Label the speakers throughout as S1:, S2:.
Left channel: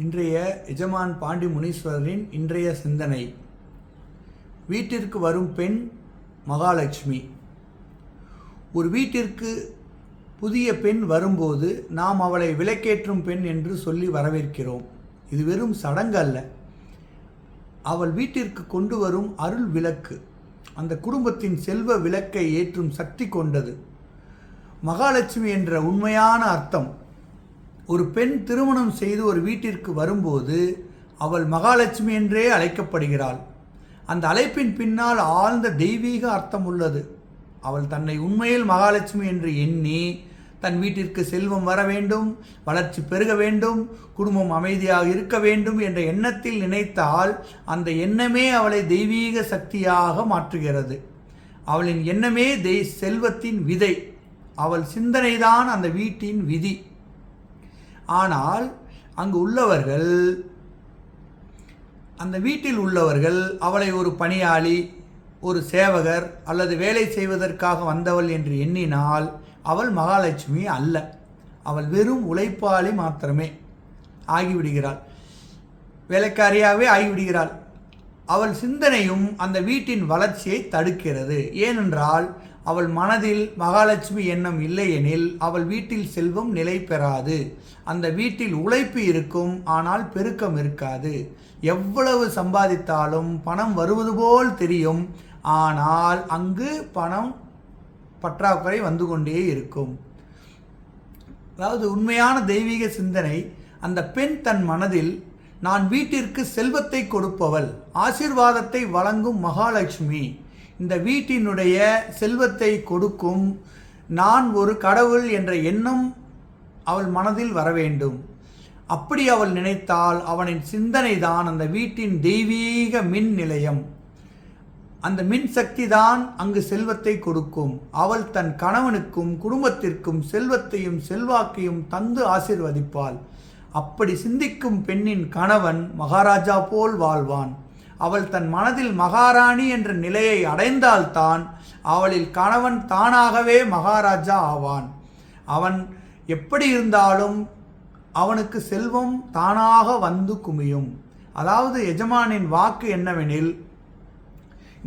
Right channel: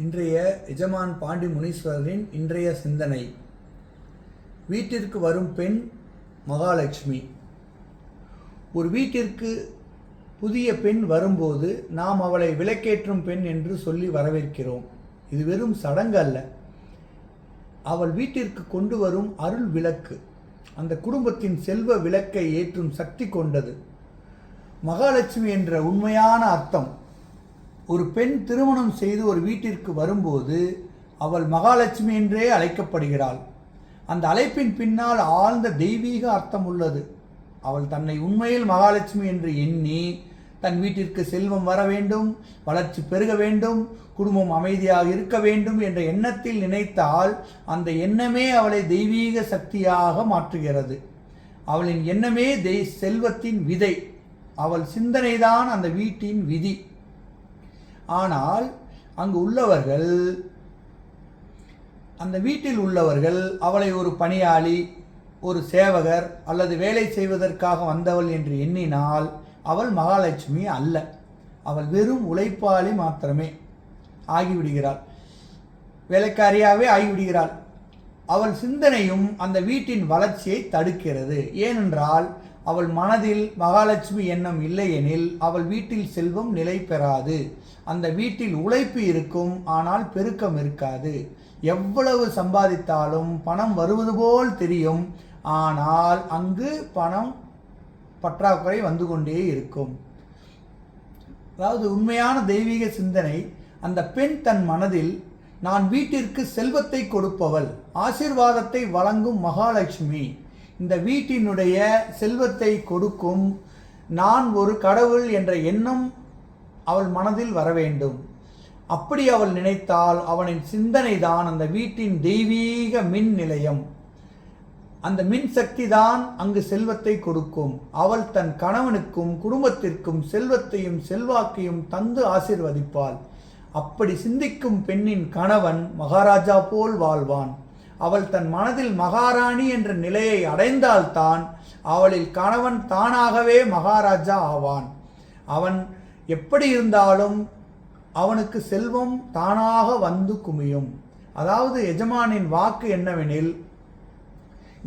S1: இன்றைய எஜமான் பாண்டி முனீஸ்வரரின் இன்றைய சிந்தனை. வீட்டிற்கு வரும் பெண் மகாலட்சுமி. ஒரு வீட்டிற்கு புதிய பெண் வரும்போது நாம் அவளை விலக்கேற்றும் பெண் என்று சொல்லி வரவேற்கிறோம். இது வெறும் சடங்கு அல்ல. அவள் வீட்டிற்கு கொண்டு வரும் அருள் விளக்கு. அந்த குடும்பத்தின் செல்வ விளக்கை ஏற்றும் சக்தி கொண்டது. மகாலட்சுமி என்ற உண்மையான அர்த்தம் ஒரு பெண் திருமணம் செய்து ஒரு வீட்டிற்கு வரும்போது அவள் மகாலட்சுமி என்றே அழைக்கப்படுகிறாள். அந்த அழைப்பின் பின்னால் ஆழ்ந்த தெய்வீக அர்த்தம் உள்ளது. அவள் தன்னை உண்மையில் மகாலட்சுமி என்று எண்ணி தன் வீட்டிற்கு செல்வம் வர வேண்டும் வளர்ச்சி பெருக வேண்டும் குடும்பம் அமைதியாக இருக்க வேண்டும் என்ற எண்ணத்தில் நினைத்தால் அந்த எண்ணமே அவளை தெய்வீக சக்தியாக மாற்றுகிறது. அவளின் எண்ணமே தெய் செல்வத்தின் விதை. அவள் சிந்தனைதான் அந்த வீட்டின் விதி. ஆனால் அங்கு உள்ளவர்கள் அந்த வீட்டில் உள்ளவர்கள் அவளை ஒரு பணியாளி ஒரு சேவகர் அல்லது வேலை செய்வதற்காக வந்தவள் என்று எண்ணினால் அவள் மகாலட்சுமி அல்ல. அவள் வெறும் உழைப்பாளி மாத்திரமே ஆகிவிடுகிறாள். வேலைக்காரியாகவே ஆகிவிடுகிறாள். அவள் சிந்தனையும் அந்த வீட்டின் வளர்ச்சியை தடுக்கிறது. ஏனென்றால் அவள் மனதில் மகாலட்சுமி எண்ணம் இல்லையெனில் அவள் வீட்டில் செல்வம் நிலை பெறாது. அந்த வீட்டில் உழைப்பு இருக்கும் ஆனால் பெருக்கம் இருக்காது. எவ்வளவு சம்பாதித்தாலும் பணம் வருவது போல் தெரியும். ஆனால் அங்கு பணம் பற்றாக்குறை வந்து கொண்டே இருக்கும். அதாவது உண்மையான தெய்வீக சிந்தனை அந்த பெண் தன் மனதில் நான் வீட்டிற்கு செல்வத்தை கொடுப்பவள் ஆசிர்வாதத்தை வழங்கும் மகாலட்சுமி இந்த வீட்டினுடைய செல்வத்தை கொடுக்கும் நான் ஒரு கடவுள் என்ற எண்ணம் அவள் மனதில் வர வேண்டும். அப்படி அவள் நினைத்தால் அவனின் சிந்தனை தான் அந்த வீட்டின் தெய்வீக மின் நிலையம். அந்த மின் சக்தி தான் அங்கு செல்வத்தை கொடுக்கும். அவள் தன் கணவனுக்கும் குடும்பத்திற்கும் செல்வத்தையும் செல்வாக்கையும் தந்து ஆசிர்வதிப்பாள். அப்படி சிந்திக்கும் பெண்ணின் கணவன் மகாராஜா போல் வாழ்வான். அவள் தன் மனதில் மகாராணி என்ற நிலையை அடைந்தால்தான் அவளில் கணவன் தானாகவே மகாராஜா ஆவான். அவன் எப்படி இருந்தாலும் அவனுக்கு செல்வம் தானாக வந்து குமியும். அதாவது எஜமானின் வாக்கு என்னவெனில்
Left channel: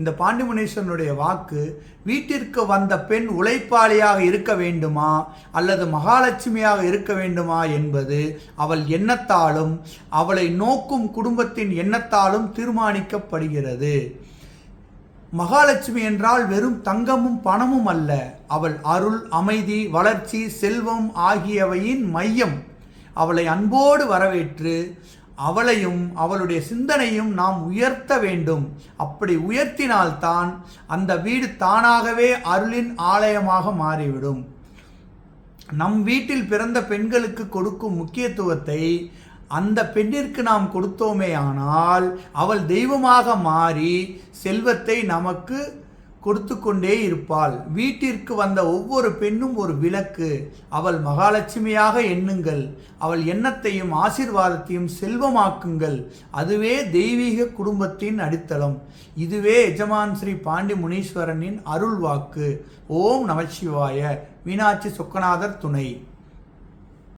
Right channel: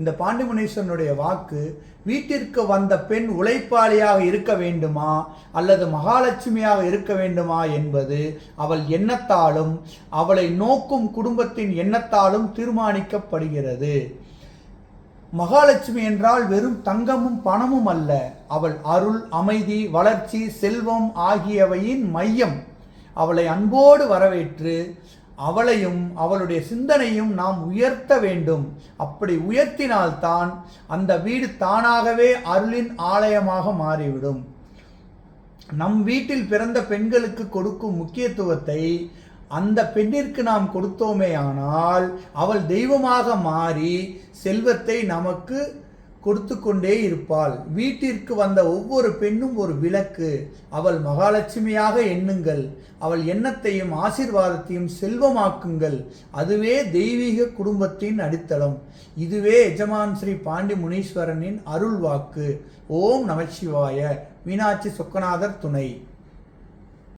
S1: இந்த பாண்டிமுனீஸ்வரனுடைய வாக்கு வீட்டிற்கு வந்த பெண் உழைப்பாளியாக இருக்க வேண்டுமா? அல்லது மகாலட்சுமியாக இருக்க வேண்டுமா என்பது அவள் எண்ணத்தாலும் அவளை நோக்கும் குடும்பத்தின் எண்ணத்தாலும் தீர்மானிக்கப்படுகிறது. மகாலட்சுமி என்றால் வெறும் தங்கமும் பணமும் அல்ல. அவள் அருள் அமைதி வளர்ச்சி செல்வம் ஆகியவையின் மையம். அவளை அன்போடு வரவேற்று அவளையும் அவளுடைய சிந்தனையும் நாம் உயர்த்த வேண்டும். அப்படி உயர்த்தினால்தான் அந்த வீடு தானாகவே அருளின் ஆலயமாக மாறிவிடும். நம் வீட்டில் பிறந்த பெண்களுக்கு கொடுக்கும் முக்கியத்துவத்தை அந்த பெண்ணிற்கு நாம் கொடுத்தோமே ஆனால் அவள் தெய்வமாக மாறி செல்வத்தை நமக்கு கொடுத்து கொண்டே இருப்பாள். வீட்டிற்கு வந்த ஒவ்வொரு பெண்ணும் ஒரு விளக்கு. அவள் மகாலட்சுமியாக எண்ணுங்கள். அவள் எண்ணத்தையும் ஆசிர்வாதத்தையும் செல்வமாக்குங்கள். அதுவே தெய்வீக குடும்பத்தின் அடித்தளம். இதுவே எஜமான் ஸ்ரீ பாண்டி முனீஸ்வரனின் அருள் வாக்கு ஓம் நமச்சிவாய. மீனாட்சி சொக்கநாதர் துணை.